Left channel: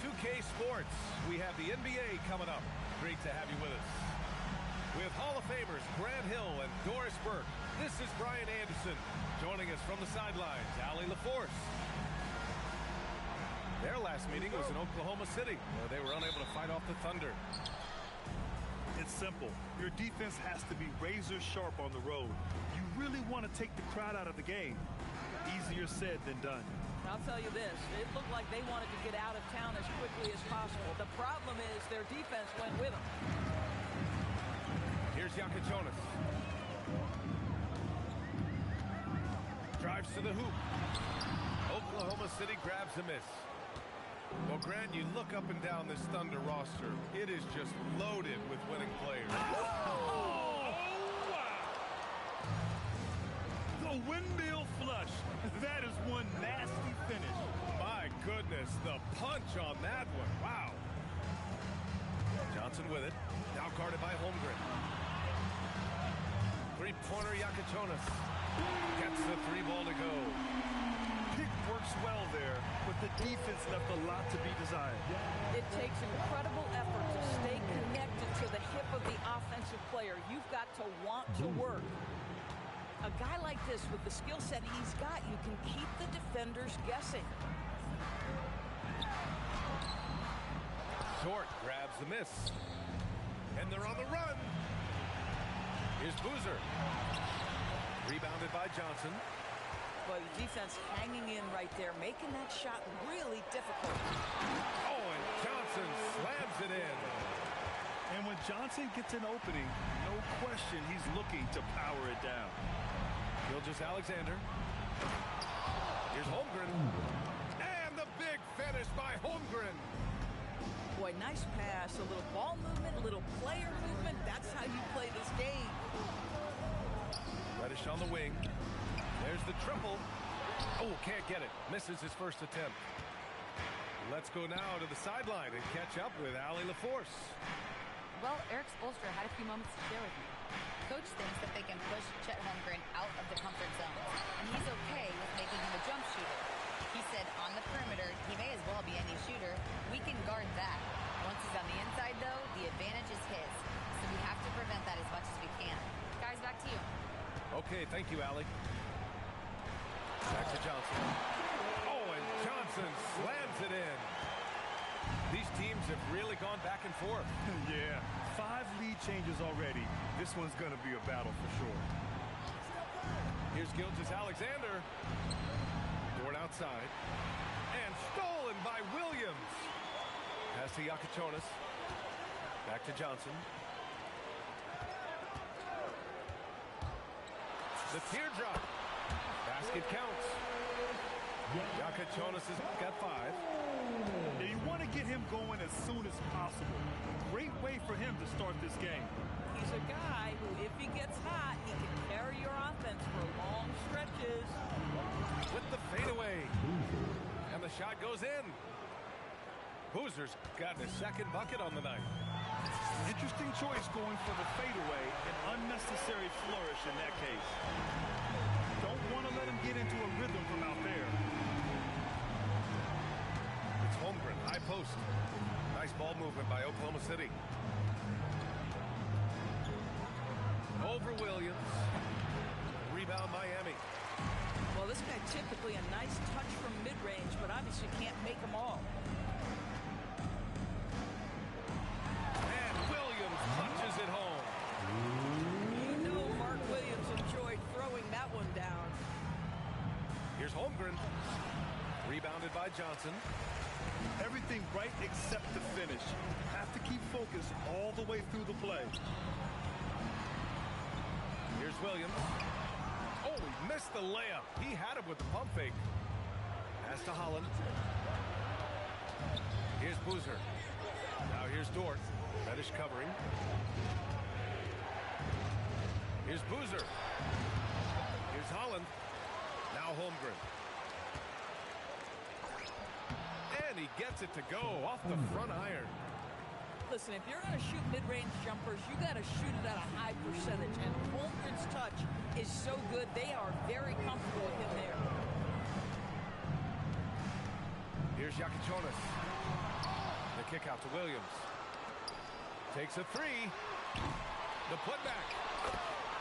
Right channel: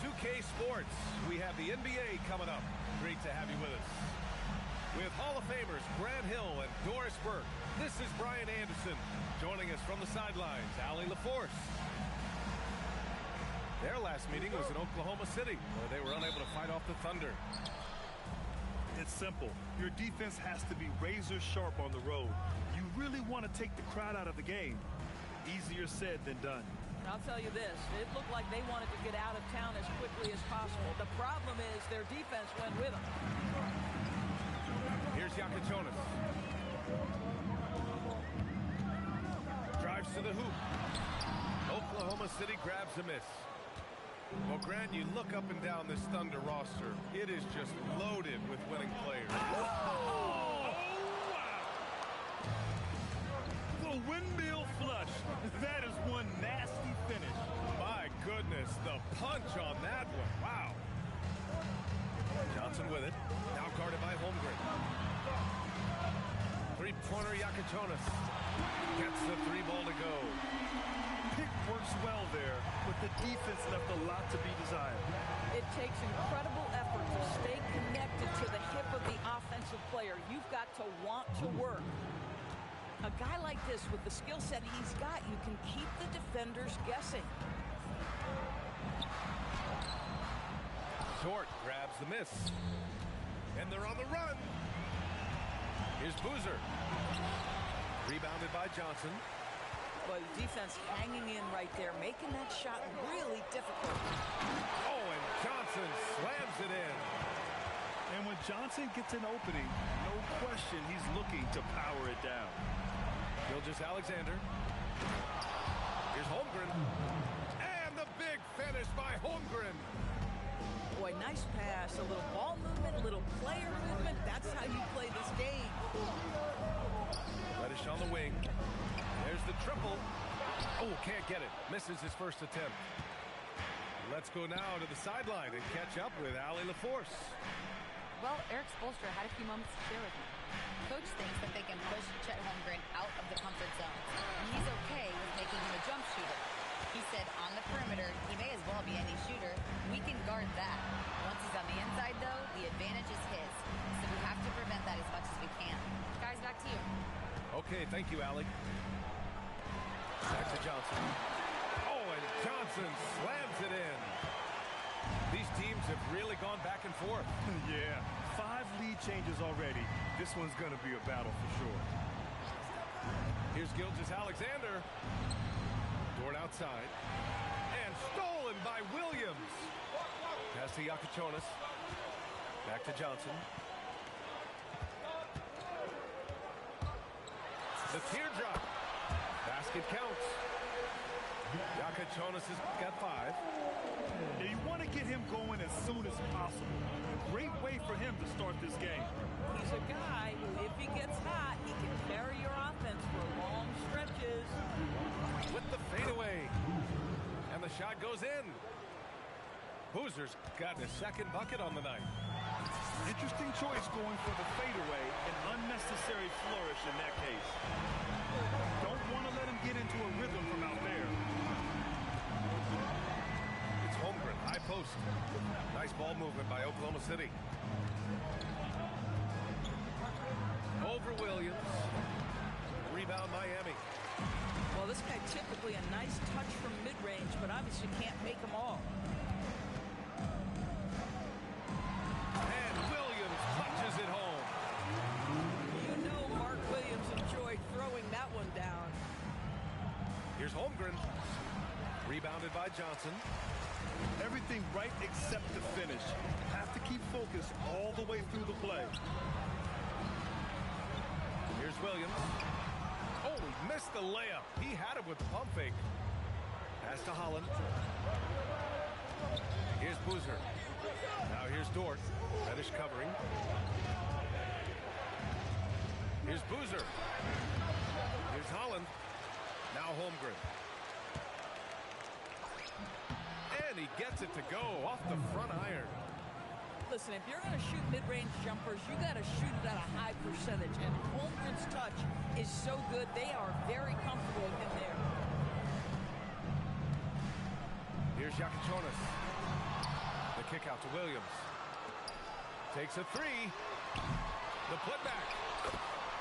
to 2K Sports. We have the NBA coming up. Great to have you with us. With Hall of Famers Grant Hill and Doris Burke, this is Brian Anderson. Joining us from the sidelines, Allie LaForce. Their last meeting was in Oklahoma City, where they were unable to fight off the Thunder. It's simple. Your defense has to be razor sharp on the road. You really want to take the crowd out of the game. Easier said than done. I'll tell you this, it looked like they wanted to get out of town as quickly as possible. The problem is their defense went with them. Here's Yakachonis. Drives to the hoop. Oklahoma City grabs a miss. Well, Grant, you look up and down this Thunder roster. It is just loaded with winning players. Oh, wow! The windmill flush. That is one nasty finish. My goodness, the punch on that one. Wow. Johnson with it. Now guarded by Holmgren. Three-pointer Yakachonis. Gets the three ball to go. Pick works well there, but the defense left a lot to be desired. It takes incredible effort to stay connected to the hip of the offensive player. You've got to want to work. A guy like this, with the skill set he's got, you can keep the defenders guessing. Dort grabs the miss. And they're on the run. Here's Boozer. Rebounded by Johnson. But the defense hanging in right there, making that shot really difficult. Oh, and Johnson slams it in. And when Johnson gets an opening, no question he's looking to power it down. Gilgeous-Alexander. Here's Holmgren. And the big finish by Holmgren. Boy, nice pass, a little ball movement, a little player movement. That's how you play this game. Reddish on the wing. There's the triple. Oh, can't get it. Misses his first attempt. Let's go now to the sideline and catch up with Allie LaForce. Well, Erik Spoelstra had a few moments to share with me. Coach thinks that they can push Chet Holmgren out of the comfort zone, and he's okay with making him a jump shooter. He said on the perimeter, he may as well be any shooter. We can guard that. Once he's on the inside, though, the advantage is his. So we have to prevent that as much as we can. Guys, back to you. Okay, thank you, Allie. Back to Johnson. Oh, and Johnson slams it in. These teams have really gone back and forth. Yeah, 5 lead changes already. This one's going to be a battle for sure. Here's Gilgeous-Alexander. Dort outside. And stolen by Williams. Pass to Yakachonis. Back to Johnson. The teardrop. Basket counts. Yakachonis has got 5. Yeah, you want to get him going as soon as possible. Great way for him to start this game. He's a guy who, if he gets hot, he can carry your offense for long stretches. With the fadeaway. And the shot goes in. Boozer's gotten his second bucket on the night. Interesting choice going for the fadeaway. An unnecessary flourish in that case. Don't want to let him get into a rhythm from out there. It's Holmgren, high post. Nice ball movement by Oklahoma City. Over Williams. Rebound Miami. Well, this guy typically a nice touch from mid-range, but obviously can't make them all. And Williams punches it home. You know Mark Williams enjoyed throwing that one down. Here's Holmgren. Rebounded by Johnson. Everything right except the finish. Have to keep focused all the way through the play. Here's Williams. Oh, he missed the layup. He had it with the pump fake. Pass to Holland. Here's Boozer. Now here's Dort. Reddish covering. Here's Boozer. Here's Holland. Now Holmgren. And he gets it to go off the front iron. Listen, if you're going to shoot mid-range jumpers, you got to shoot it at a high percentage. And Holmgren's touch is so good, they are very comfortable with him there. Here's Yakachonis. Kick out to Williams. Takes a three. The putback.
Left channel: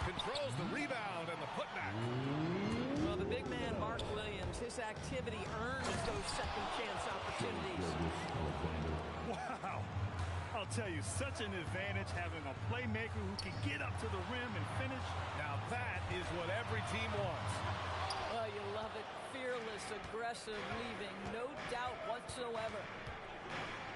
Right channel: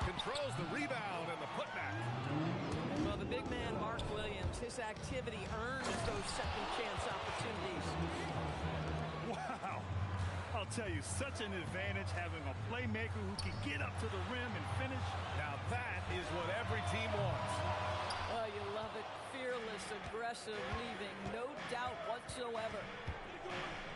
Controls the rebound and the putback. Well, the big man, Mark Williams, his activity earns those second chance opportunities. Wow. I'll tell you, such an advantage having a playmaker who can get up to the rim and finish. Now that is what every team wants. Oh, you love it. Fearless, aggressive, leaving. No doubt whatsoever.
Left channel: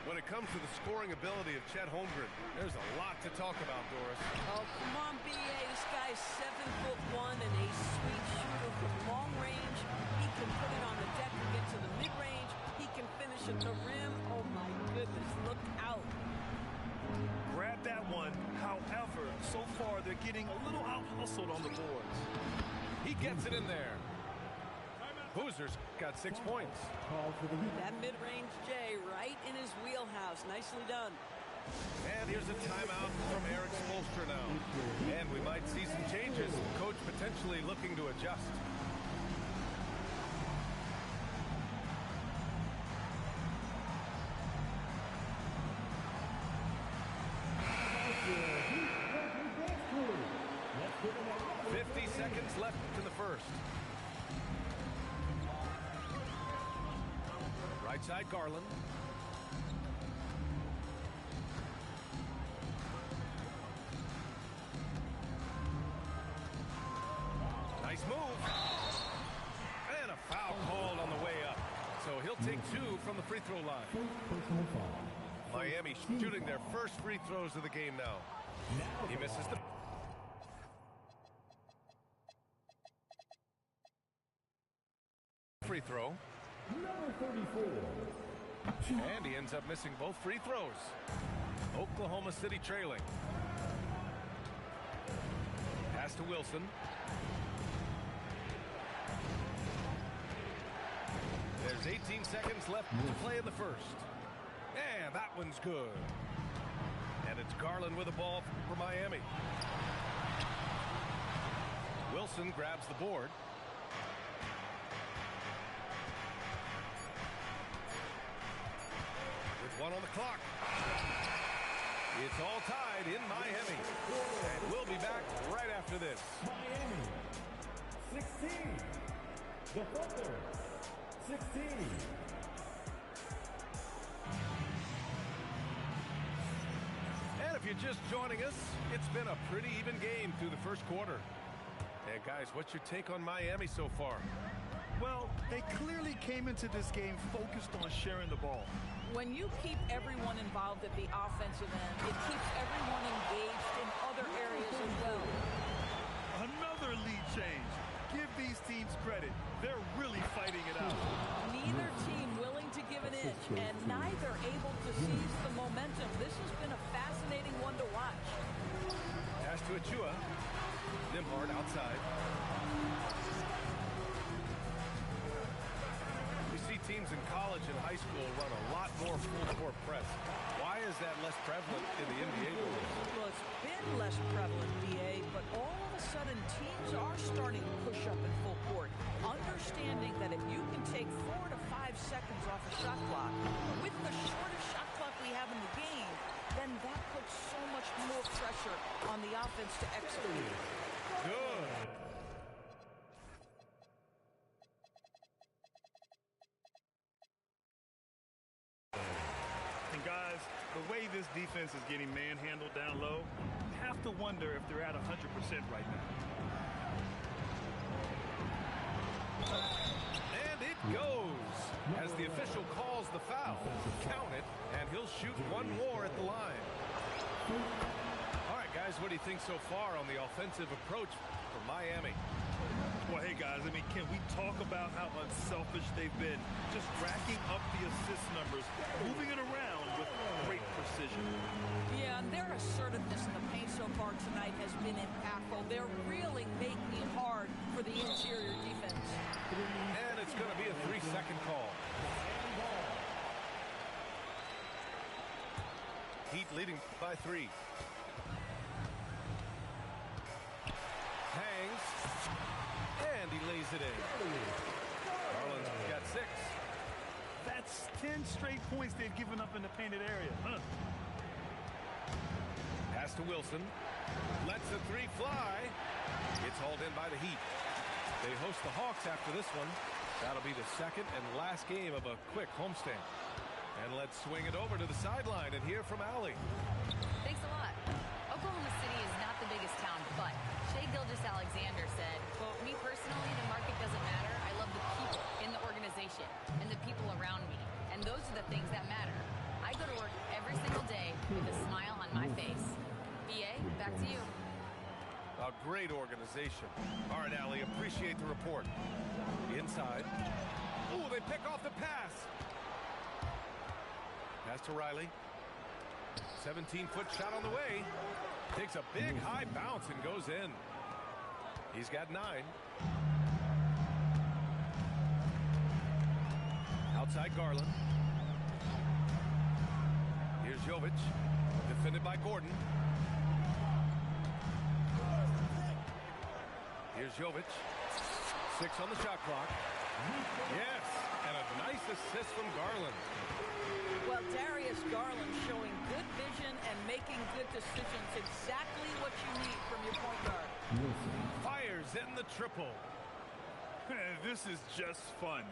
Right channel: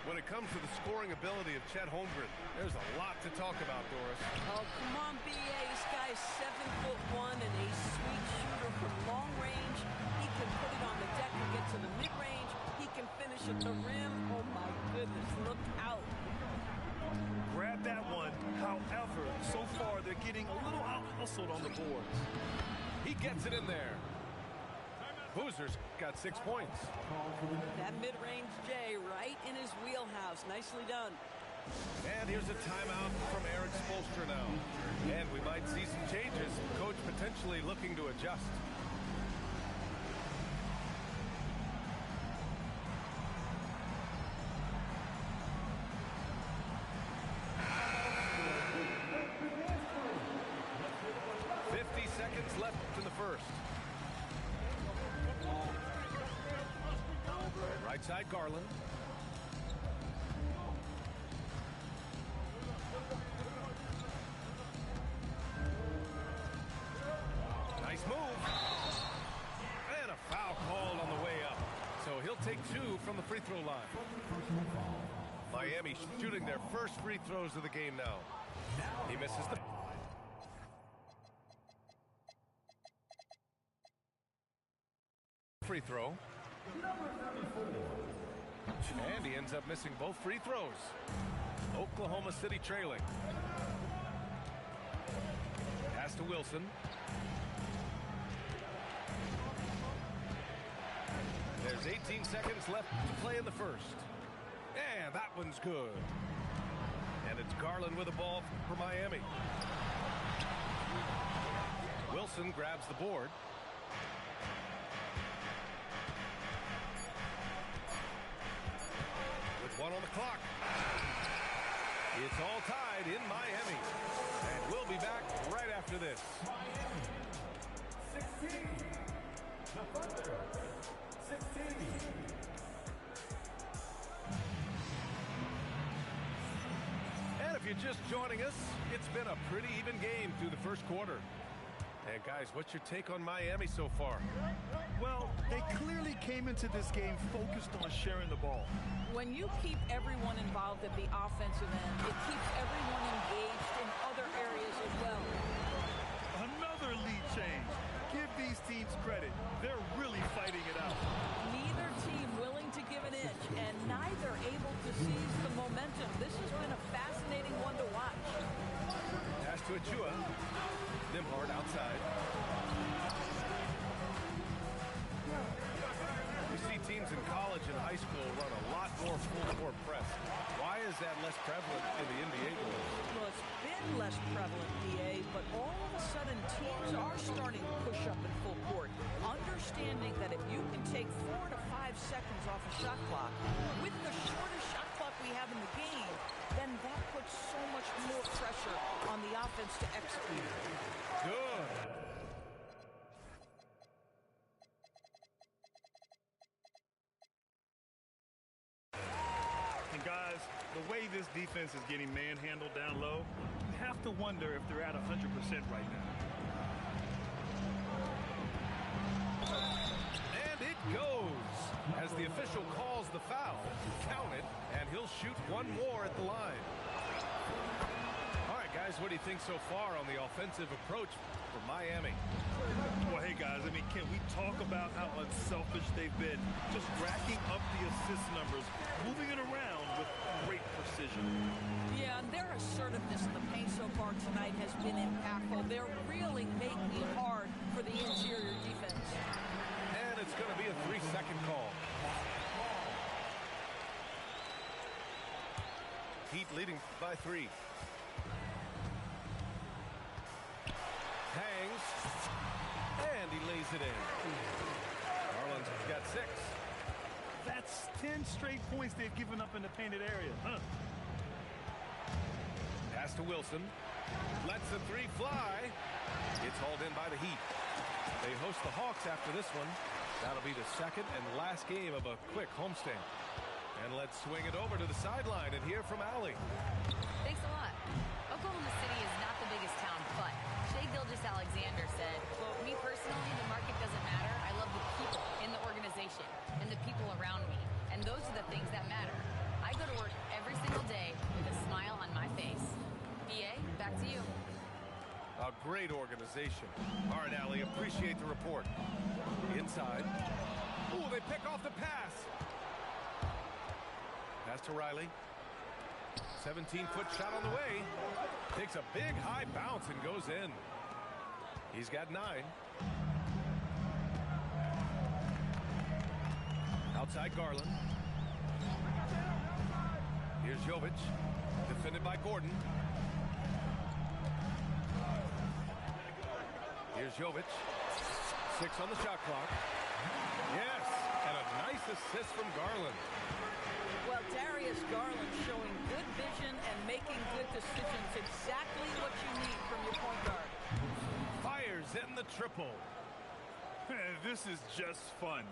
When it comes to the scoring ability of Chet Holmgren, there's a lot to talk about, Doris. Oh, come on, B.A. This guy's 7'1" and a sweet shooter from long range. He can put it on the deck and get to the mid-range. He can finish at the rim. Oh, my goodness, look out. Grab that one. However, so far they're getting a little out-hustled on the boards. He gets it in there. Hoosiers got 6 points. That mid-range J right in his wheelhouse. Nicely done. And here's a timeout from Erik Spoelstra now. And we might see some changes. Coach potentially looking to adjust. Seconds left in the first. Right side, Garland. Nice move. And a foul called on the way up. So he'll take 2 from the free throw line. Miami shooting their first free throws of the game now. He misses the free throw. Number 34. And he ends up missing both free throws. Oklahoma City trailing. Pass to Wilson. There's 18 seconds left to play in the first. And that one's good. And it's Garland with the ball for Miami. Wilson grabs the board. With 1 on the clock. It's all tied in Miami. And we'll be back right after this. Miami, 16. The Thunder, 16. And if you're just joining us, it's been a pretty even game through the first quarter. And guys, what's your take on Miami so far? Well, they clearly came into this game focused on sharing the ball. When you keep everyone involved at the offensive end, it keeps everyone engaged in other areas as well. Another lead change. Give these teams credit. They're really fighting it out. Neither team willing to give an inch, and neither able to seize the momentum. This has been a fascinating one to watch. Pass to Achua. Nembhard outside. We see teams in college and high school run a lot more full-court press. Why is that less prevalent in the NBA rules? Well, it's been less prevalent, BA, but all of a sudden teams are starting to push up in full court, understanding that if you can take 4 to 5 seconds off a shot clock, with the shortest shot clock we have in the game, then that puts so much more pressure on the offense to execute. Good. And guys, the way this defense is getting manhandled down low, you have to wonder if they're at 100% right now. And it goes as the official calls the foul. Count it, and he'll shoot 1 more at the line. All right, guys, what do you think so far on the offensive approach for Miami? Well, hey, guys, I mean, can we talk about how unselfish they've been? Just racking up the assist numbers, moving it around with great precision. Yeah, and their assertiveness in the paint so far tonight has been impactful. They're really making it hard for the interior defense. And it's going to be a 3-second call. Heat leading by 3. Hangs. And he lays it in. Garland's got 6. That's 10 straight points they've given up in the painted area. Huh? Pass to Wilson. Lets the three fly. It's hauled in by the Heat. They host the Hawks after this one. That'll be the second and last game of a quick homestand. And let's swing it over to the sideline and hear from Allie. Thanks a lot. Oklahoma City is not the biggest town, but Shai Gilgeous-Alexander said, quote, "Me personally, the market doesn't matter. I love the people in the organization and the people around me. And those are the things that matter. I go to work every single day with a smile on my face." BA, back to you. A great organization. All right, Allie, appreciate the report. Inside. Oh, they pick off the pass. Pass to Riley. 17-foot shot on the way. Takes a big high bounce and goes in. He's got 9. Outside Garland. Here's Jovic. Defended by Gordon. Here's Jovic. 6 on the shot clock. Yes, and a nice assist from Garland. Well, Darius Garland showing good vision and making good decisions. Exactly what you need from your point guard. Fires in the triple. This is just fun.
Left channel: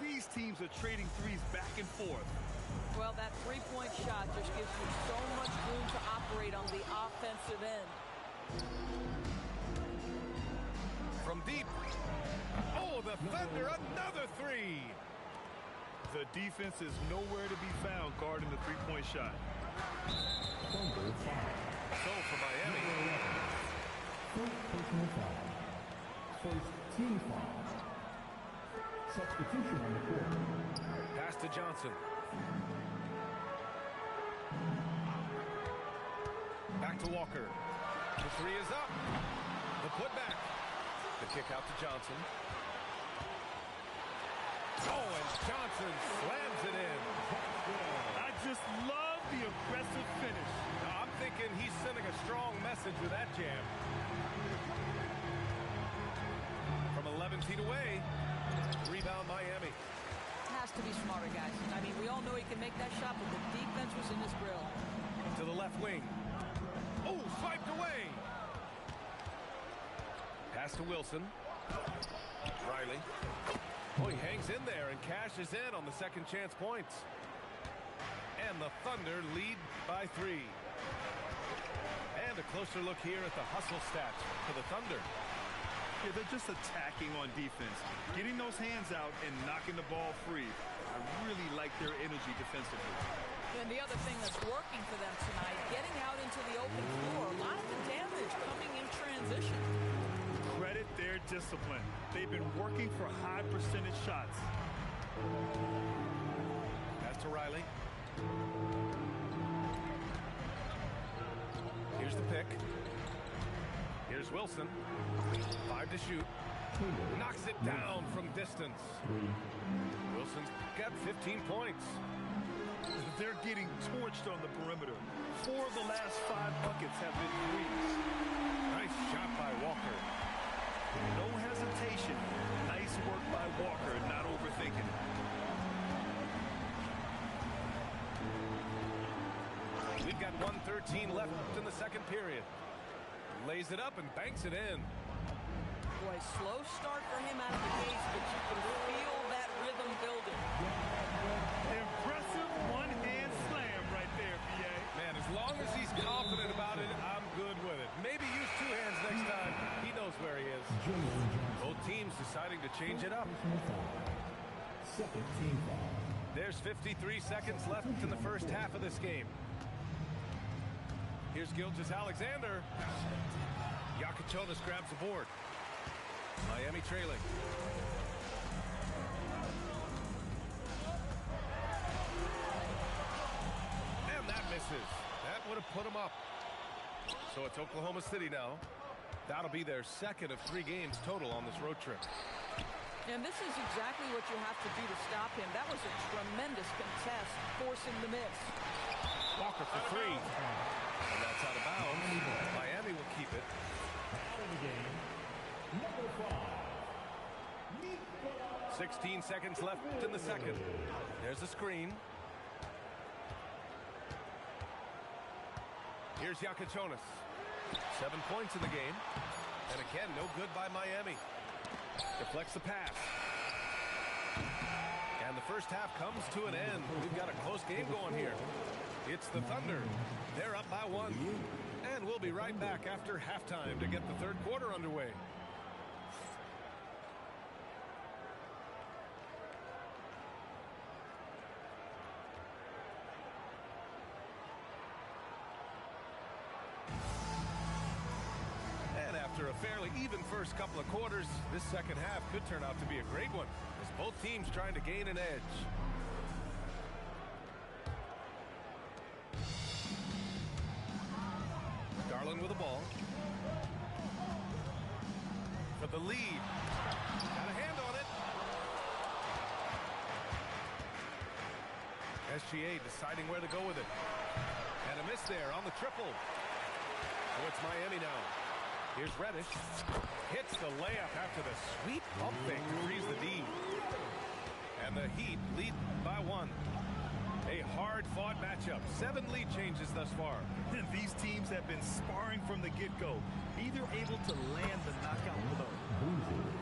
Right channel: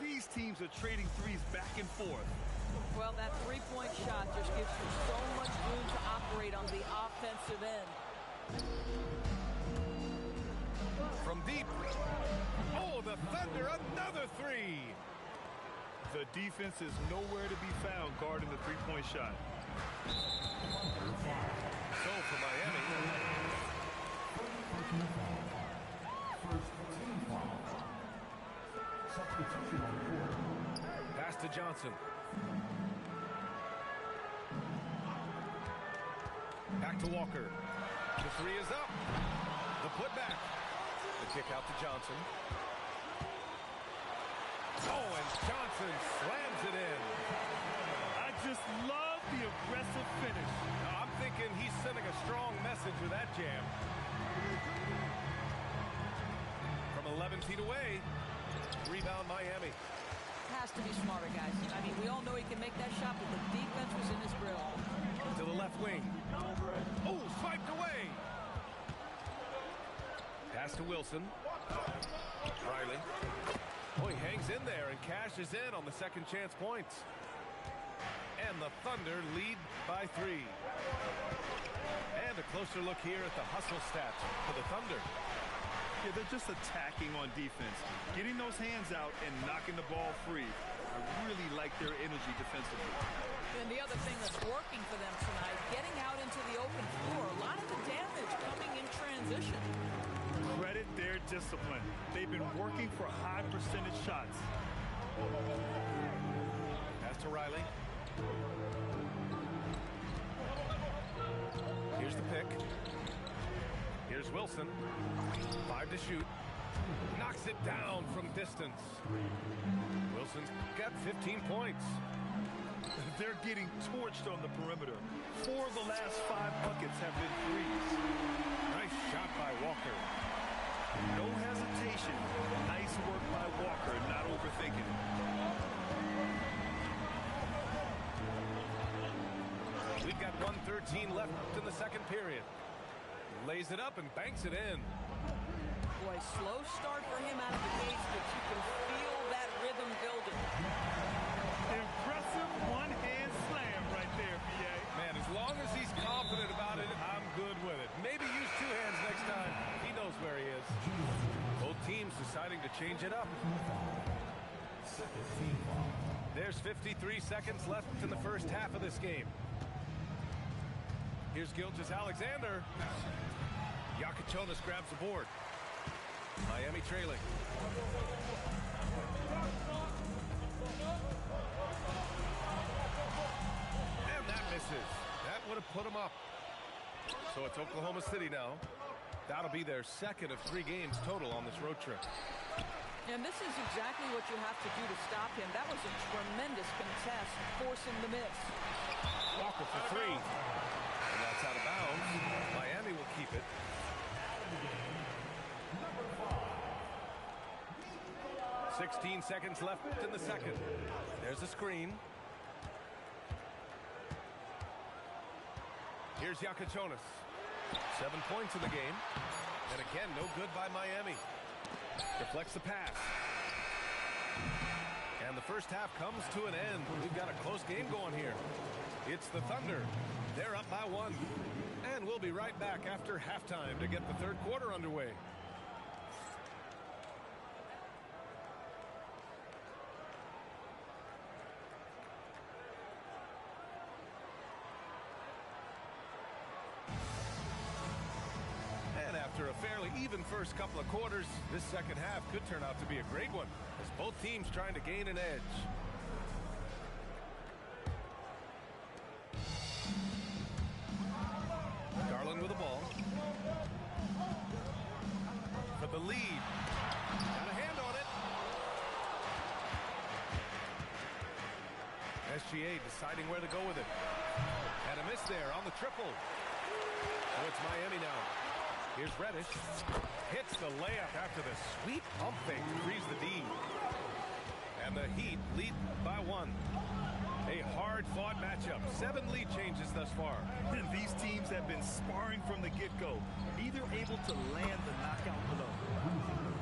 These teams are trading threes back and forth. Well, that three-point shot just gives you so much room to operate on the offensive end. From deep. Oh, the Thunder, another three. The defense is nowhere to be found guarding the three-point shot. So for Miami. First personal foul. First team foul. Substitution on the court. Pass to Johnson. Back to Walker. The three is up. The putback. The kick out to Johnson. Oh, and Johnson slams it in. I just love the aggressive finish. Now, I'm thinking he's sending a strong message with that jam. From 11 feet away, rebound Miami. Has to be smarter, guys. I mean, we all know he can make that shot, but the defense was in his grill. To the left wing. Oh, swiped away. Pass to Wilson. Riley. Oh, he hangs in there and cashes in on the second chance points. And the Thunder lead by 3. And a closer look here at the hustle stats for the Thunder. Yeah, they're just attacking on defense, getting those hands out and knocking the ball free. I really like their energy defensively. And the other thing that's working for them tonight, getting out into the open floor. A lot of the damage coming in transition. Credit their discipline. They've been working for high percentage shots. Pass to Riley. Here's the pick. Here's Wilson. 5 to shoot. Knocks it down from distance. Wilson's got 15 points. They're getting torched on the perimeter. 4 of the last 5 buckets have been threes. Nice shot by Walker. No hesitation. Nice work by Walker, not overthinking it. We've got 1:13 left in the second period. Lays it up and banks it in. Boy, slow start for him out of the gates, but you can feel that rhythm building. Impressive one-hand slam right there, B.A. Man, as long as he's confident about it, I'm good with it. Maybe use 2 hands next time. He knows where he is. Both teams deciding to change it up. Second team foul. There's 53 seconds left in the first half of this game. Here's Gilgeous-Alexander. Yakichonis grabs the board. Miami trailing. And that misses. That would have put them up. So it's Oklahoma City now. That'll be their second of 3 games total on this road trip. And this is exactly what you have to do to stop him. That was a tremendous contest, forcing the miss. Walker for 3. And that's out of bounds. Miami will keep it. Out of the game, number 5. 16 seconds left in the second. There's a screen. Here's Yakachonis. 7 points in the game. And again, no good by Miami. Deflects the pass. And the first half comes to an end. We've got a close game going here. It's the Thunder. They're up by 1. And we'll be right back after halftime to get the third quarter underway. And after a fairly even first couple of quarters, this second half could turn out to be a great one, as both teams trying to gain an edge. Garland with the ball. For the lead. Got a hand on it. SGA deciding where to go with it. And a miss there on the triple. Oh, it's Miami now. Here's Reddish. Hits the layup after the sweet pump fake to freeze the D. And the Heat lead by 1. A hard-fought matchup. 7 lead changes thus far. And these teams have been sparring from the get-go, neither able to land the knockout blow.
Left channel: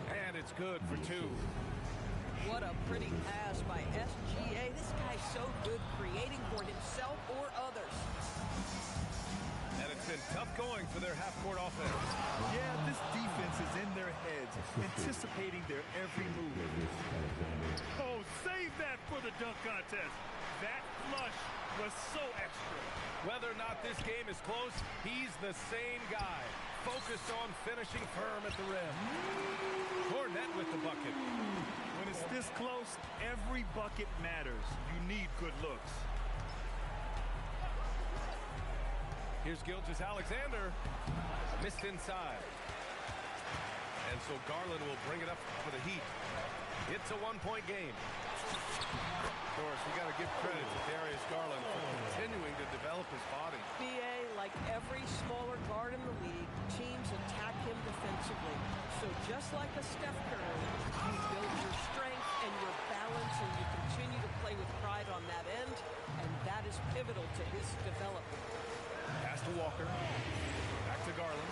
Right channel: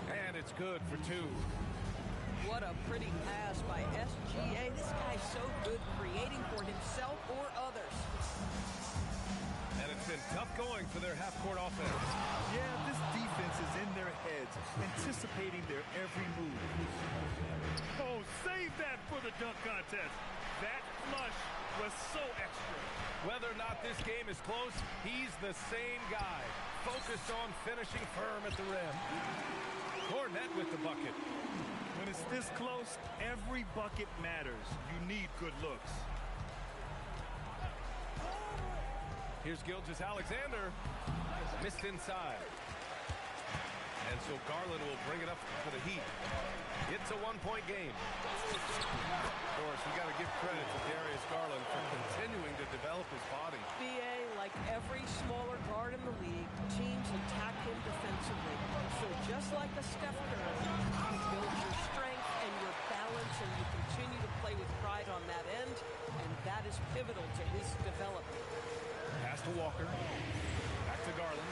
And it's good for 2. What a pretty pass by SGA. This guy's so good creating for himself or others. And it's been tough going for their half-court offense. Yeah, this defense is in their heads, anticipating their every move. Oh, save that for the dunk contest. That flush was so extra. Whether or not this game is close, he's the same guy. Focused on finishing firm at the rim. Cornette with the bucket. When it's this close, every bucket matters. You need good looks. Here's Gilgeous-Alexander. Missed inside. And so Garland will bring it up for the Heat. It's a 1-point game. Doris, we got to give credit to Darius Garland for continuing to develop his body. BA, like every smaller guard in the league, teams attack him defensively. So just like a Steph Curry, you build your strength and your balance, and you continue to play with pride on that end, and that is pivotal to his development. Pass to Walker. Back to Garland.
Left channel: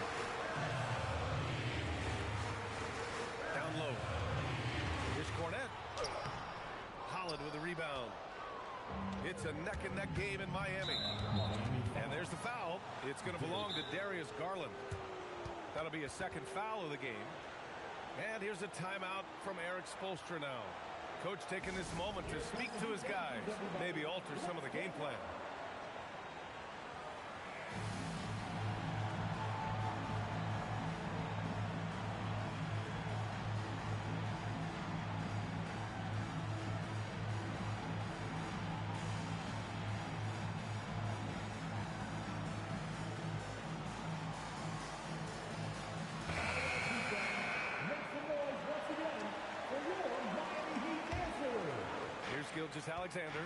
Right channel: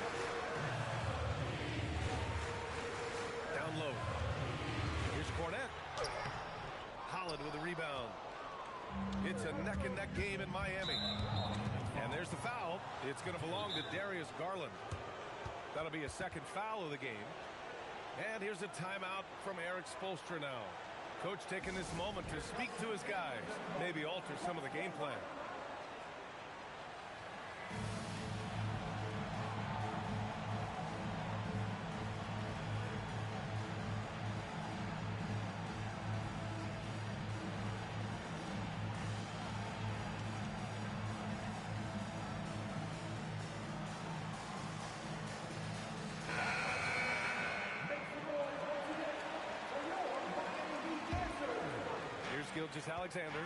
Down low. Here's Cornette. Holland with a rebound. It's a neck-and-neck game in Miami. And there's the foul. It's going to belong to Darius Garland. That'll be a second foul of the game. And here's a timeout from Erik Spoelstra now. Coach taking this moment to speak to his guys. Maybe alter some of the game plan. Here's Gilgeous-Alexander.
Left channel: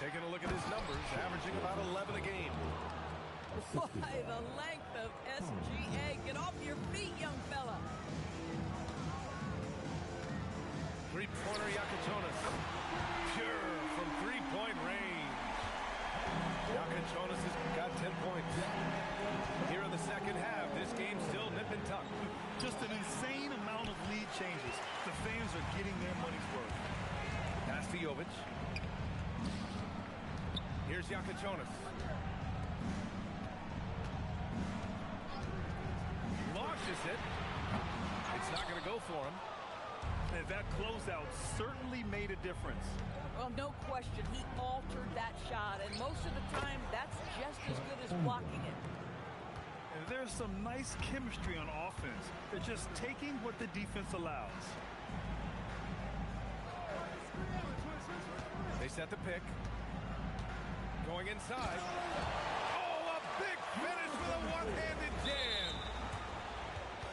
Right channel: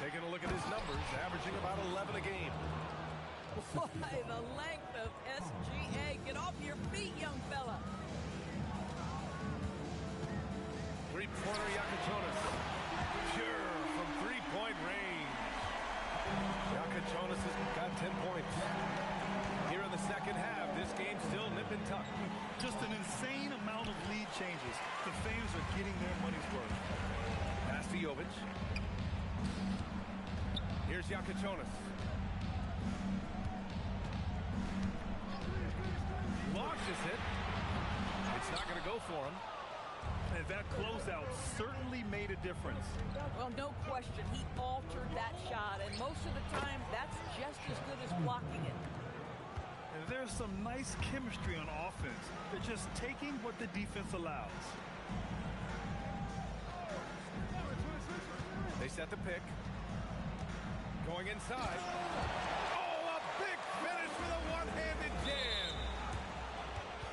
Taking a look at his numbers, averaging about 11 a game. Why, the length of SGA. Get off your feet, young fella. Three-pointer Yakachonis. Pure from three-point range. Yakachonis has got 10 points. Here in the second half, this game's still nip and tuck. Just an insane amount of lead changes. The fans are getting their money's worth. Pass to Jovic. Here's Yakachonis. Launches it. It's not going to go for him. And that closeout certainly made a difference. Well, no question. He altered that shot, and most of the time, that's just as good as blocking it. And there's some nice chemistry on offense. They're just taking what the defense allows. They set the pick. Going inside. Oh, a big finish with a one-handed jam.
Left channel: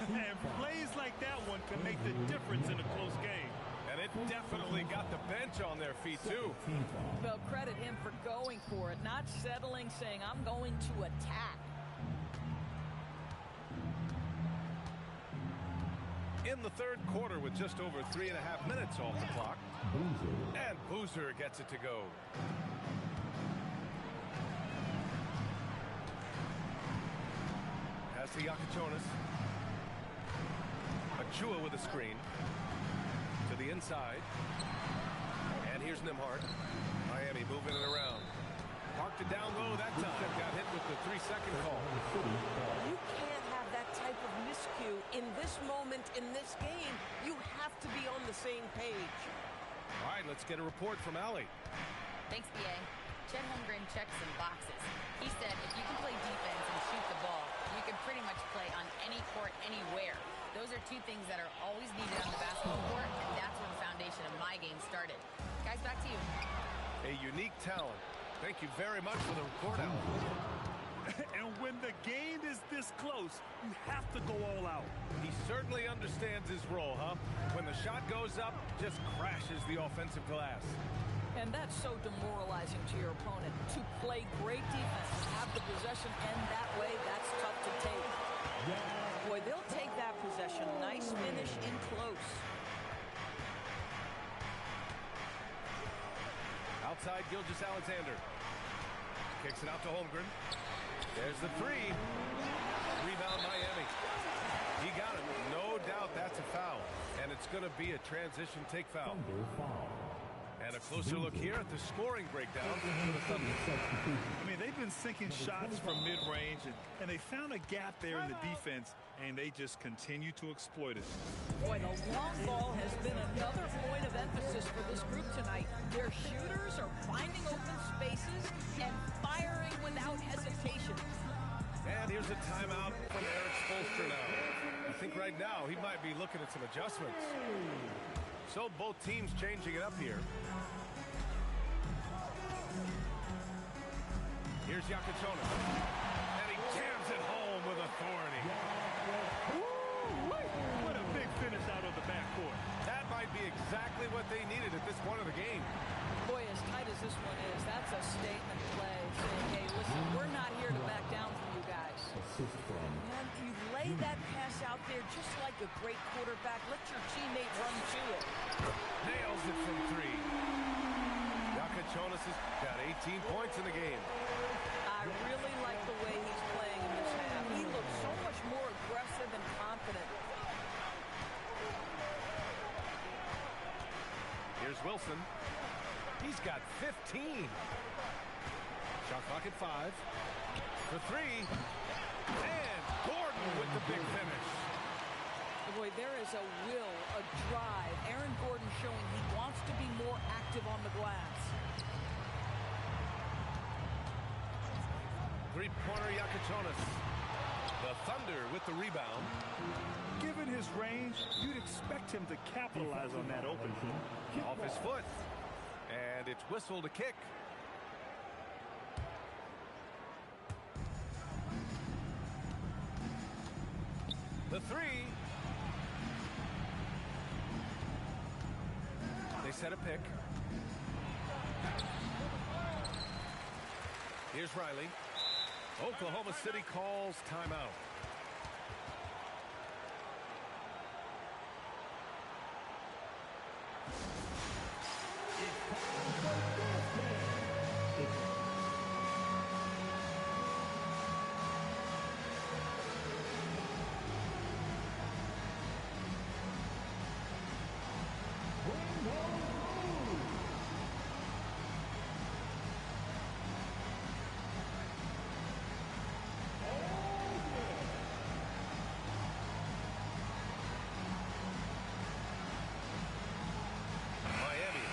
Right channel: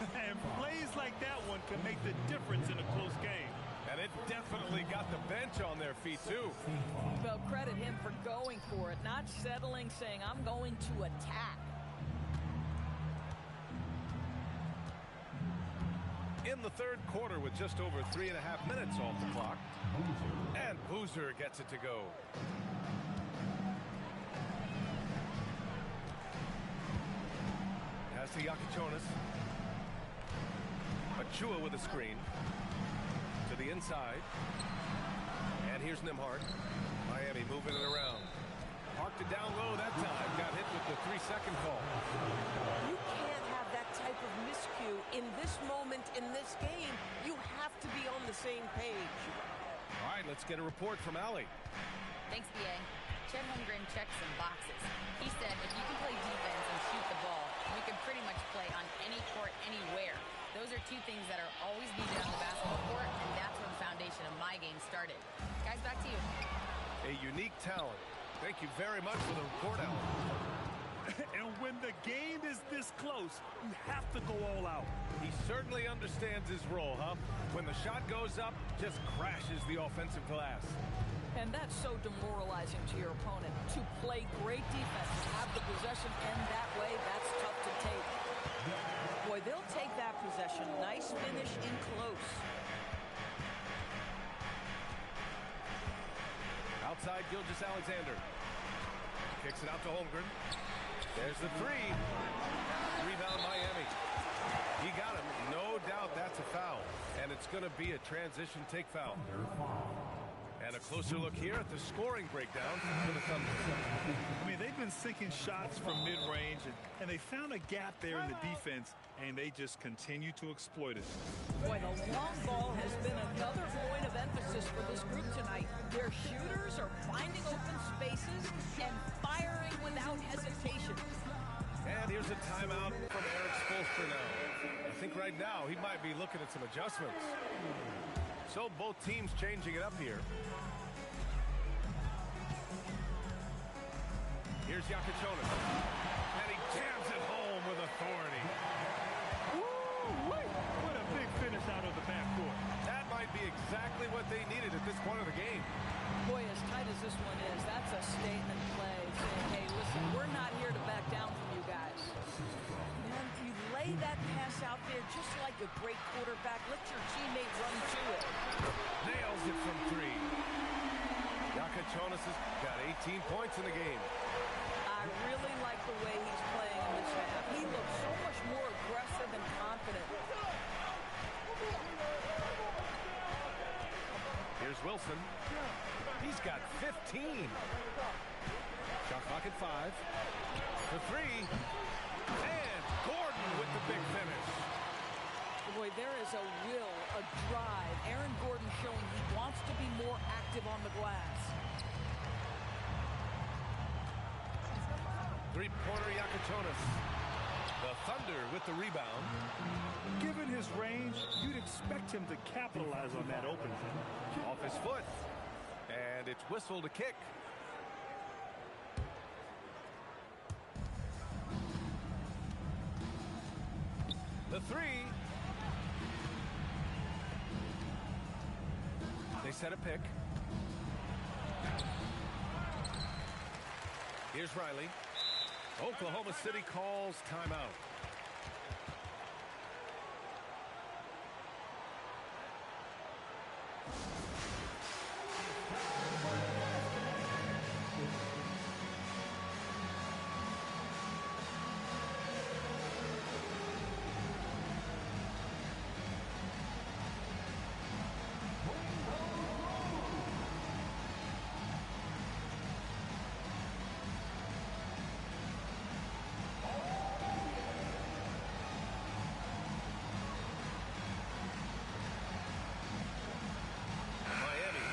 And plays like that one can make the difference in a close game. And it definitely got the bench on their feet, too. Well, credit him for going for it, not settling, saying, I'm going to attack. in the third quarter with just over 3.5 minutes off the clock. Boozer. And Boozer gets it to go. Pass to Yakachonis. Achua with a screen. To the inside. And here's Nembhard. Miami moving it around. Parked it down low that time. Got hit with the 3-second call. You can't have that type of miscue in this moment in this game. You have to be on the same page. All right, let's get a report from Allie. Thanks, B.A. Chet Holmgren checked some boxes. He said if you can play defense and shoot the ball, you can pretty much play on any court, anywhere. Those are two things that are always needed on the basketball court, and that's where the foundation of my game started. Guys, back to you. A unique talent. Thank you very much for the report, Allie. And when the game is this close, you have to go all out. He certainly understands his role, huh? When the shot goes up, just crashes the offensive glass. And that's so demoralizing to your opponent. To play great defense and have the possession end that way, that's tough to take. Boy, they'll take that possession. Nice finish in close. Outside, Gilgeous-Alexander. Kicks it out to Holmgren. There's the three. Rebound, Miami. He got it. No doubt that's a foul. And it's going to be a transition take foul. Thunder foul. And a closer look here at the scoring breakdown for the Thunder. I mean, they've been sinking shots from mid-range, and they found a gap there in the defense, and they just continue to exploit it. Boy, the long ball has been another point of emphasis for this group tonight. Their shooters are finding open spaces and firing without hesitation. And here's a timeout from Erik Spoelstra now. I think right now he might be looking at some adjustments. So both teams changing it up here. Here's Yakachonis. And he jams it home with authority. Woo-wee! What a big finish out of the backcourt. That might be exactly what they needed at this point of the game. Boy, as tight as this one is, that's a statement play saying, hey, listen, we're not here to back down from you guys. Assist from Man, you lay that pass out there just like a great quarterback. Let your teammate run to it. Nails it from three. Yakachonis has got 18 points in the game. I really like the way he's playing in this half. He looks so much more aggressive and confident. Here's Wilson. He's got 15. Shot clock at 5. For three. And Gordon with the big finish. Boy, there is a will, a drive. Aaron Gordon showing he wants to be more active on the glass. Three-pointer Yakachonis. The Thunder with the rebound. Given his range, you'd expect him to capitalize on that open. Off his foot. And it's whistled a kick. The three. They set a pick. Here's Riley. Oklahoma City calls timeout.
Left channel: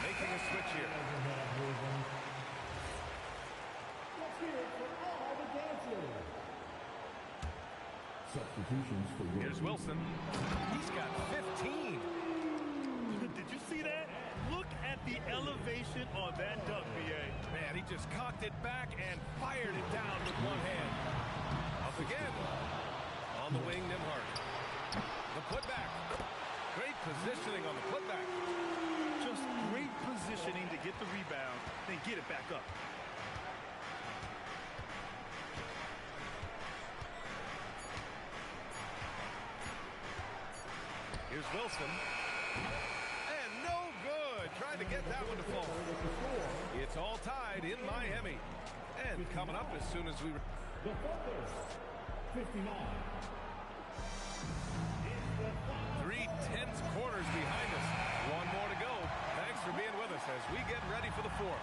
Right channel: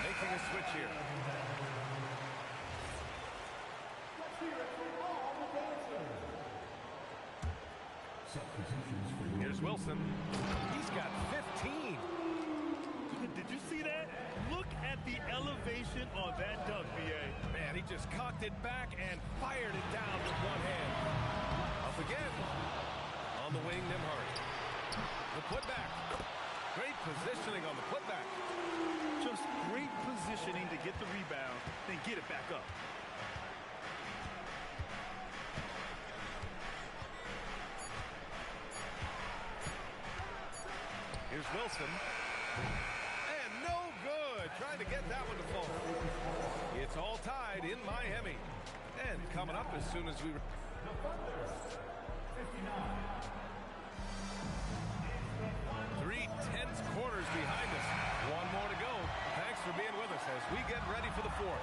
Making a switch here. Let's hear it for all the dancers. Substitutions for your Here's Wilson. He's got 15. Did you see that? Look at the elevation on that dunk, B.A. Man, he just cocked it back and fired it down with one hand. Up again. On the wing, Nembhard. The putback. Great positioning on the putback. Just great positioning to get the rebound, then get it back up. Here's Here's Wilson. And no good. Trying to get that one to fall. It's all tied in Miami. And coming up as soon as we... The Thunder, 59. 3 tense quarters behind us. One more to go. Thanks for being with us as we get ready for the fourth.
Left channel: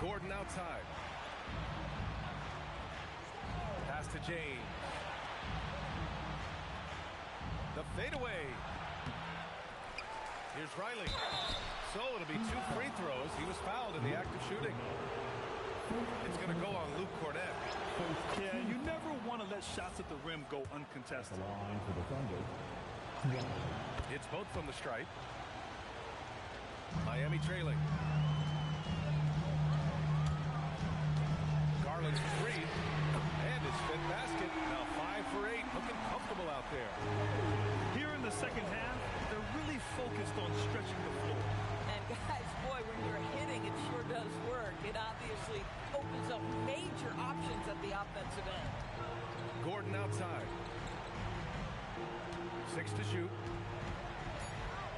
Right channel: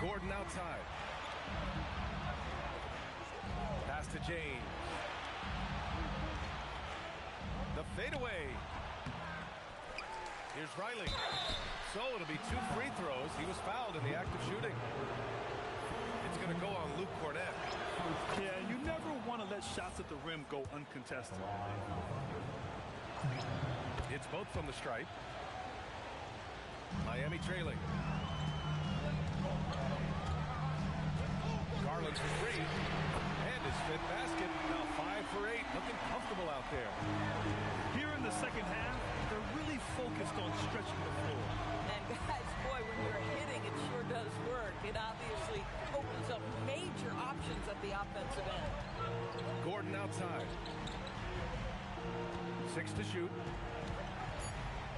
Gordon outside. Pass to James. The fadeaway. Here's Riley. So it'll be 2 free throws. He was fouled in the act of shooting. It's going to go on Luke Cornett. Yeah, you never want to let shots at the rim go uncontested. It's both from the stripe. Miami trailing. Garland's for 3. And his fifth basket. Now 5 for 8. Looking comfortable out there. Here in the second half, they're really focused on stretching the floor. And guys, boy, when you're hitting, it sure does work. It obviously opens up major options at the offensive end. Gordon outside. 6 to shoot.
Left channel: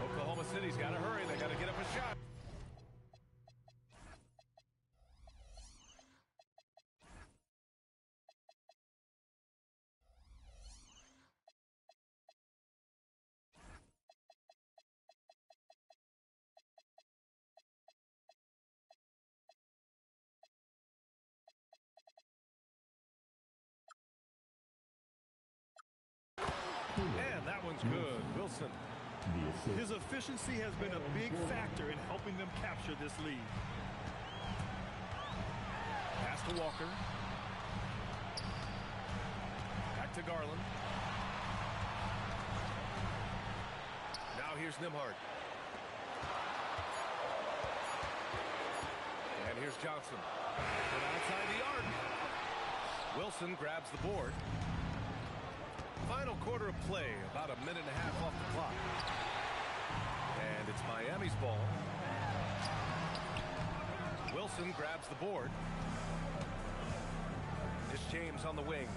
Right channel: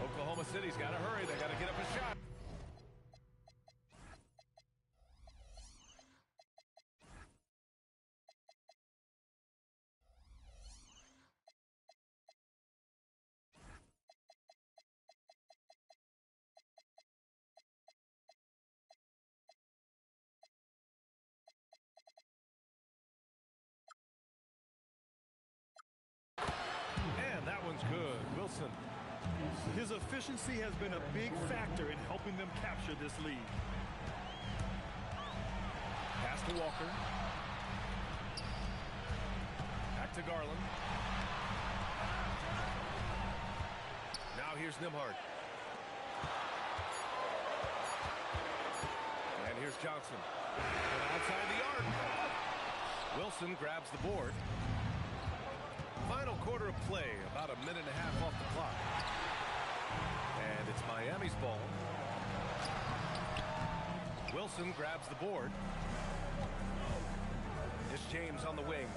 Oklahoma City's got to hurry. They got to get up a shot. And that one's good. Wilson. His efficiency has been a big factor in helping them capture this lead. Pass to Walker. Back to Garland. Now here's Nembhard. And here's Johnson. From outside the arc. Wilson grabs the board. Final quarter of play, about a minute and a half off the clock. And it's Miami's ball. Wilson grabs the board. It's James on the wing.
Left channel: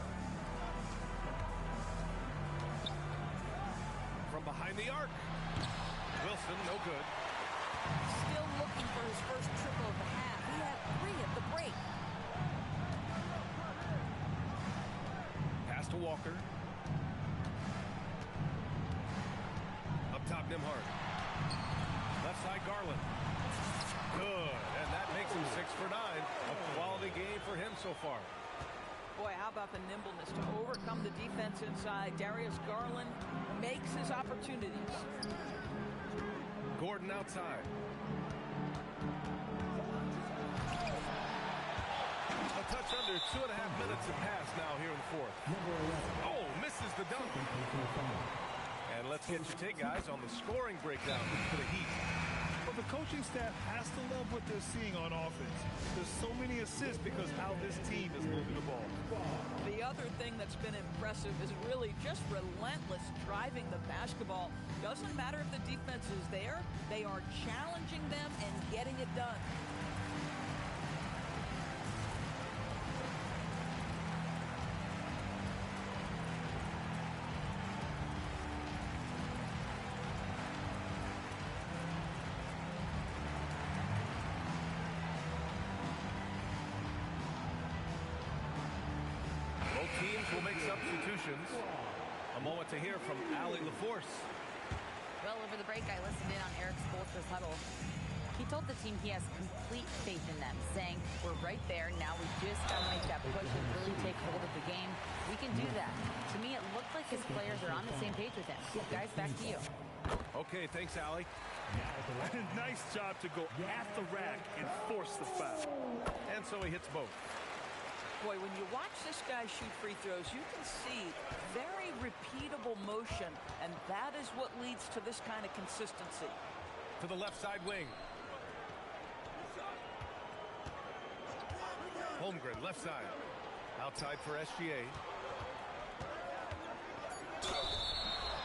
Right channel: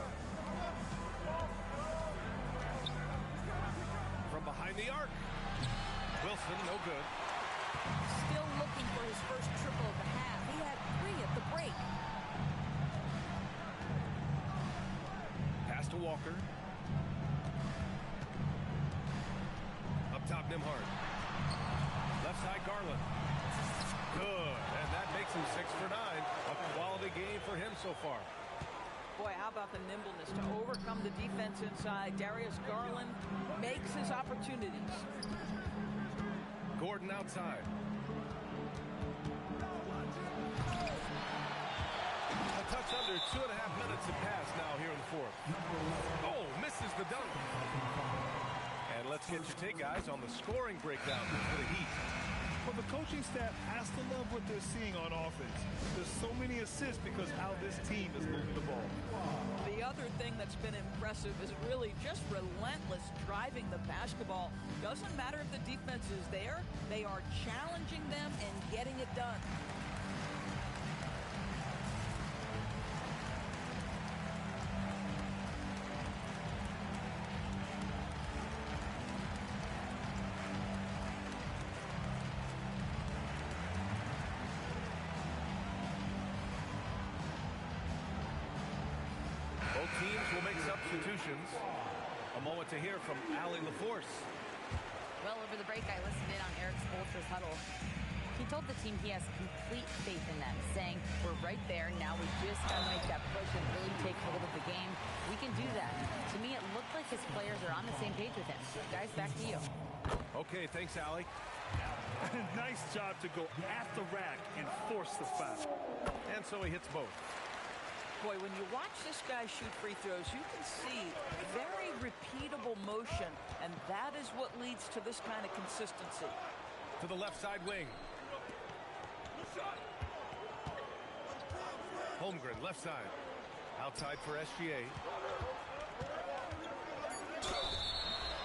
From behind the arc. Wilson, no good. Still looking for his first triple of the half. He had 3 at the break. Pass to Walker. Up top, Nembhard. Left side, Garland. Good, and that makes him 6 for 9. A quality game for him so far. Boy, how about the nimbleness to overcome the defense inside. Darius Garland makes his opportunities. Gordon outside. A touch under 2.5 minutes have passed now here in the fourth. Oh, misses the dunk. And let's get your take, guys, on the scoring breakdown for the Heat. But the coaching staff has to love what they're seeing on offense. There's so many assists because how this team is moving the ball. The other thing that's been impressive is really just relentless driving the basketball. Doesn't matter if the defense is there, they are challenging them and getting it done. Both teams will make substitutions. A moment to hear from Allie LaForce. Well, over the break, I listened in on Eric Spoelstra's huddle. He told the team he has complete faith in them, saying, we're right there. Now we just got to make that push and really take hold of the game. We can do that. To me, it looked like his players are on the same page with him. Guys, back to you. Okay, thanks, Allie. Nice job to go at the rack and force the foul. And so he hits both. Boy, when you watch this guy shoot free throws, you can see very repeatable motion, and that is what leads to this kind of consistency. To the left side wing. Holmgren, left side. Outside for SGA.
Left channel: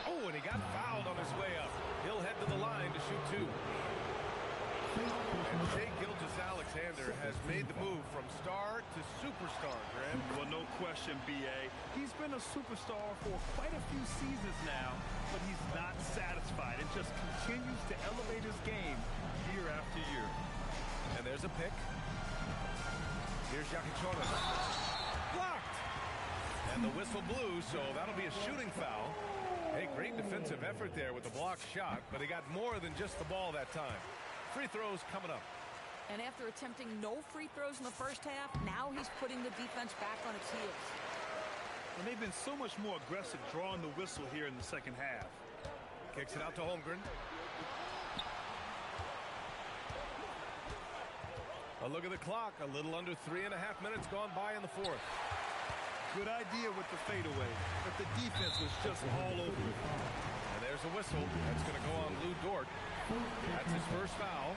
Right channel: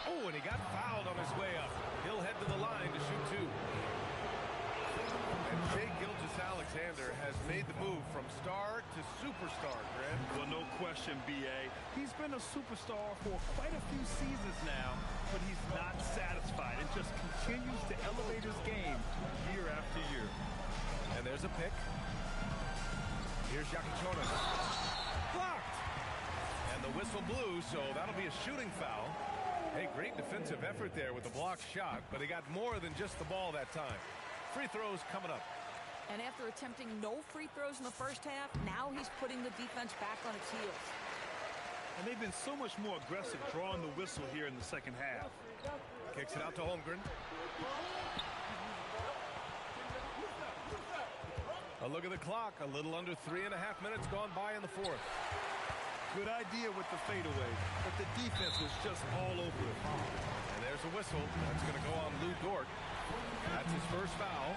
Oh, and he got fouled on his way up. He'll head to the line to shoot 2. And Shai Gilgeous-Alexander has made the move from star to superstar, Graham. Well, no question, B.A. He's been a superstar for quite a few seasons now, but he's not satisfied and just continues to elevate his game year after year. And there's a pick. Here's Jakichonis. Blocked! And the whistle blew, so that'll be a shooting foul. Hey, great defensive effort there with the blocked shot, but he got more than just the ball that time. Free throws coming up. And after attempting no free throws in the first half, now he's putting the defense back on its heels. And they've been so much more aggressive drawing the whistle here in the second half. Kicks it out to Holmgren. A look at the clock. A little under 3.5 minutes gone by in the fourth. Good idea with the fadeaway, but the defense was just all over it. And there's a whistle. That's going to go on Lou Dort. That's his first foul.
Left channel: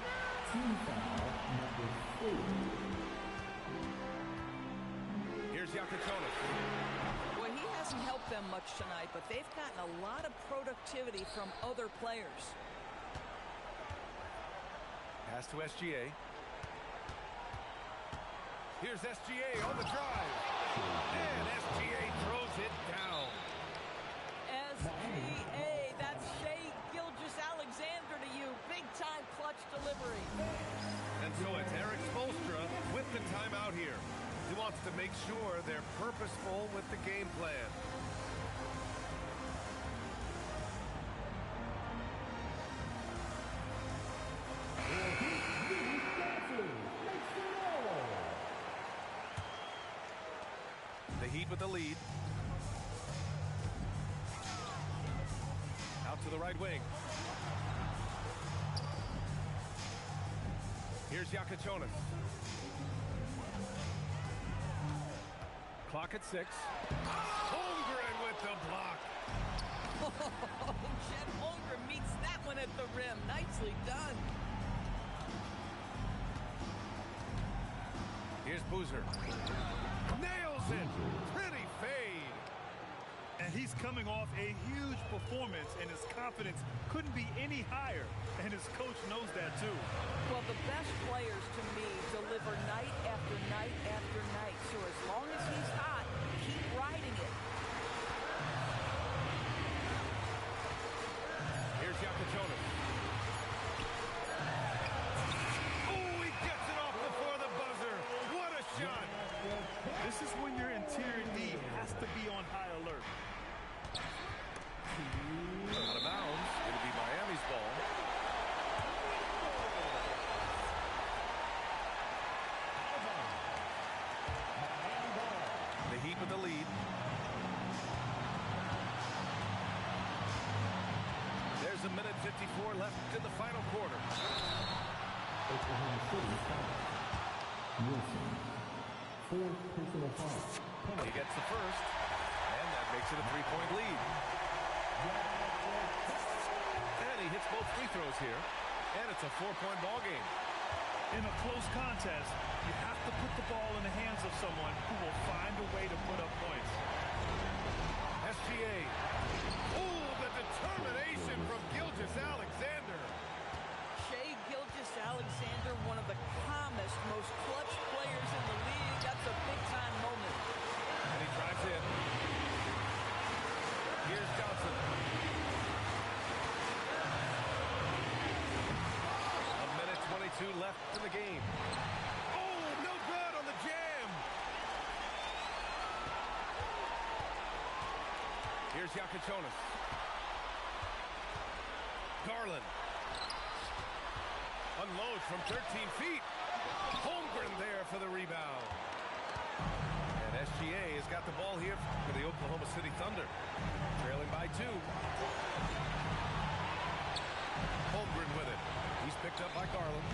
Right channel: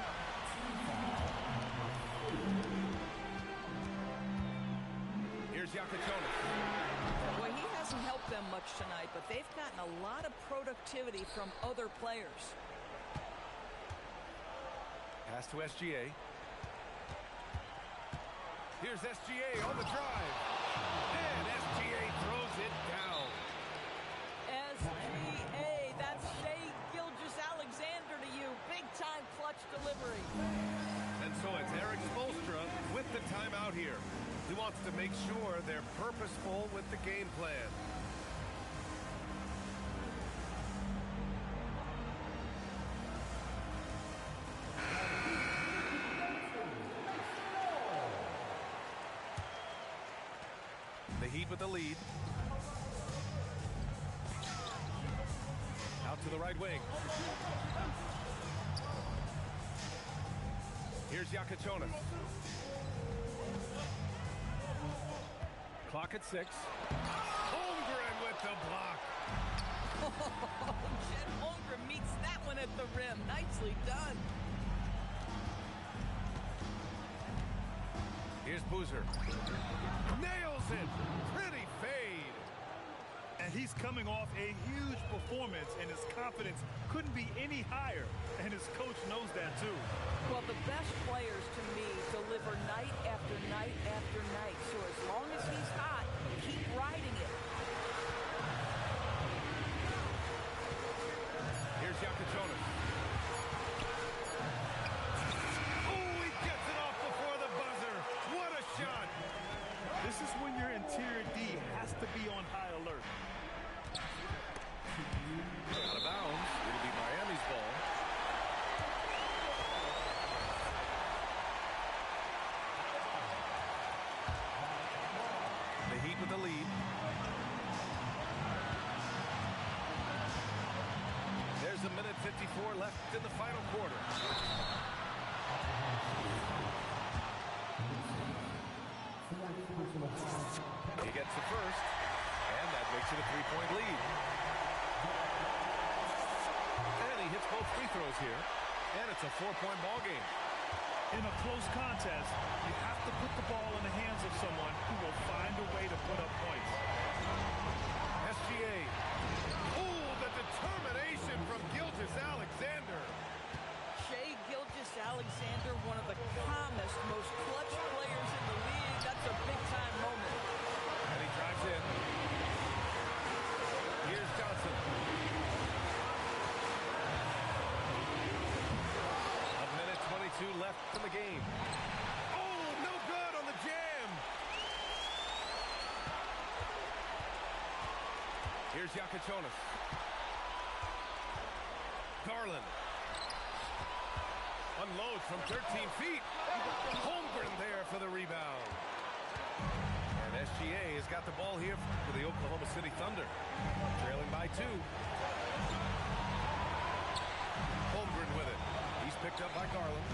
Here's Jakichonis. Well, he hasn't helped them much tonight, but they've gotten a lot of productivity from other players. Pass to SGA. Here's SGA on the drive. And SGA throws it down. SGA, that's Shai Gilgeous-Alexander to you. Big-time clutch delivery. And so it's Erik Spoelstra with the timeout here. He wants to make sure they're purposeful with the game plan. The Heat with the lead. Out to the right wing. Here's Jakichonis. Clock at 6. Holmgren with the block. Oh, Chet Holmgren meets that one at the rim. Nicely done. Here's Boozer. Nails it. Pretty fade. And he's coming off a huge performance, and his confidence couldn't be any higher. And his coach knows that, too. Well, the best players, to me, deliver night after night after night. So as long as he's hot, keep riding it. Here's Jakichonis. Oh, he gets it off before the buzzer. What a shot. This is when your interior D has to be on high alert. Out of bounds. It'll be Miami's ball. The Heat with the lead. There's a minute 54 left in the final quarter. He gets the first, and that makes it a 3-point lead. And he hits both free throws here, and it's a 4-point ball game. In a close contest, you have to put the ball in the hands of someone who will find a way to put up points. SGA. Oh, the determination from Gilgeous-Alexander. Shai Gilgeous-Alexander, one of the calmest, most clutch players in the league. That's a big-time moment. And he drives in. Here's Johnson. A minute 22 left in the game. Oh, no good on the jam. Here's Jakichonis. Garland. Unloads from 13 feet. Holmgren there for the rebound. And SGA has got the ball here for the Oklahoma City Thunder. Trailing by 2. Holmgren with it. He's picked up by Garland.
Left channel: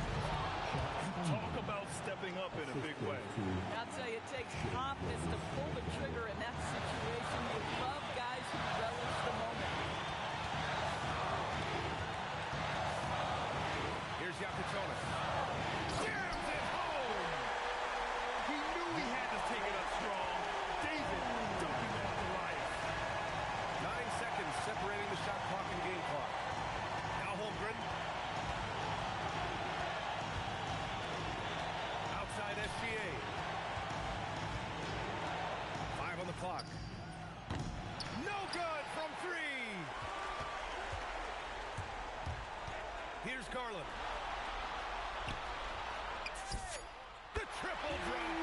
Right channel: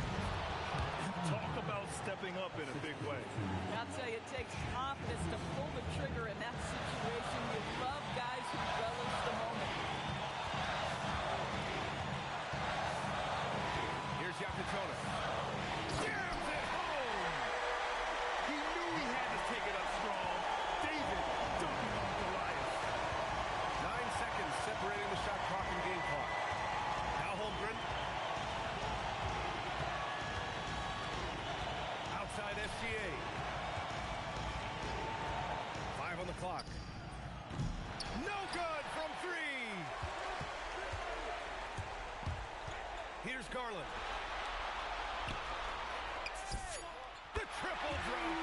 Talk about stepping up in a big way. I'll tell you, it takes confidence to pull the trigger in that situation. You love guys who relish the moment. Here's Jakichonis. Jams it home! He knew he had to take it up strong. David dunking on Goliath. 9 seconds separating the shot clock and game clock. Now Holmgren. side SGA. 5 on the clock. No good from 3. Here's Garland. The triple drop.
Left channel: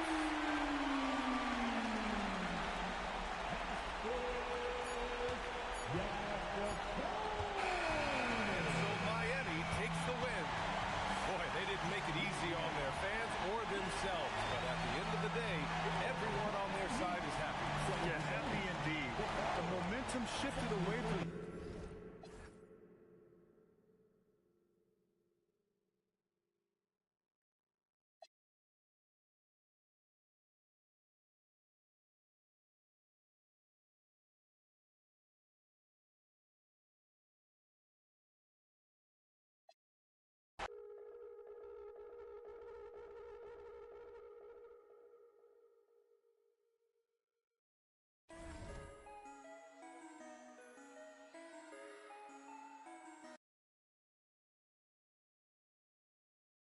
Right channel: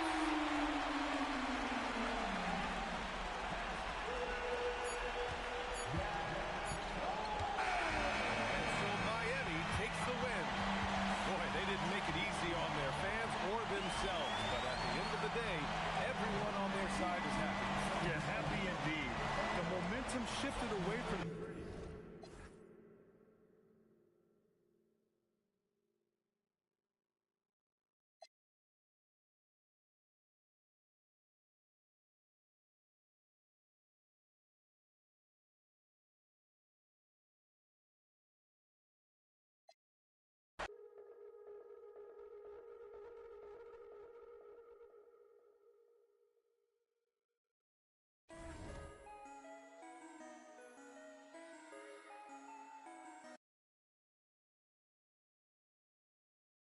And so Miami takes the win. Boy, they didn't make it easy on their fans or themselves. But at the end of the day, everyone on their side is happy. Yeah, happy indeed. The momentum shifted away from them.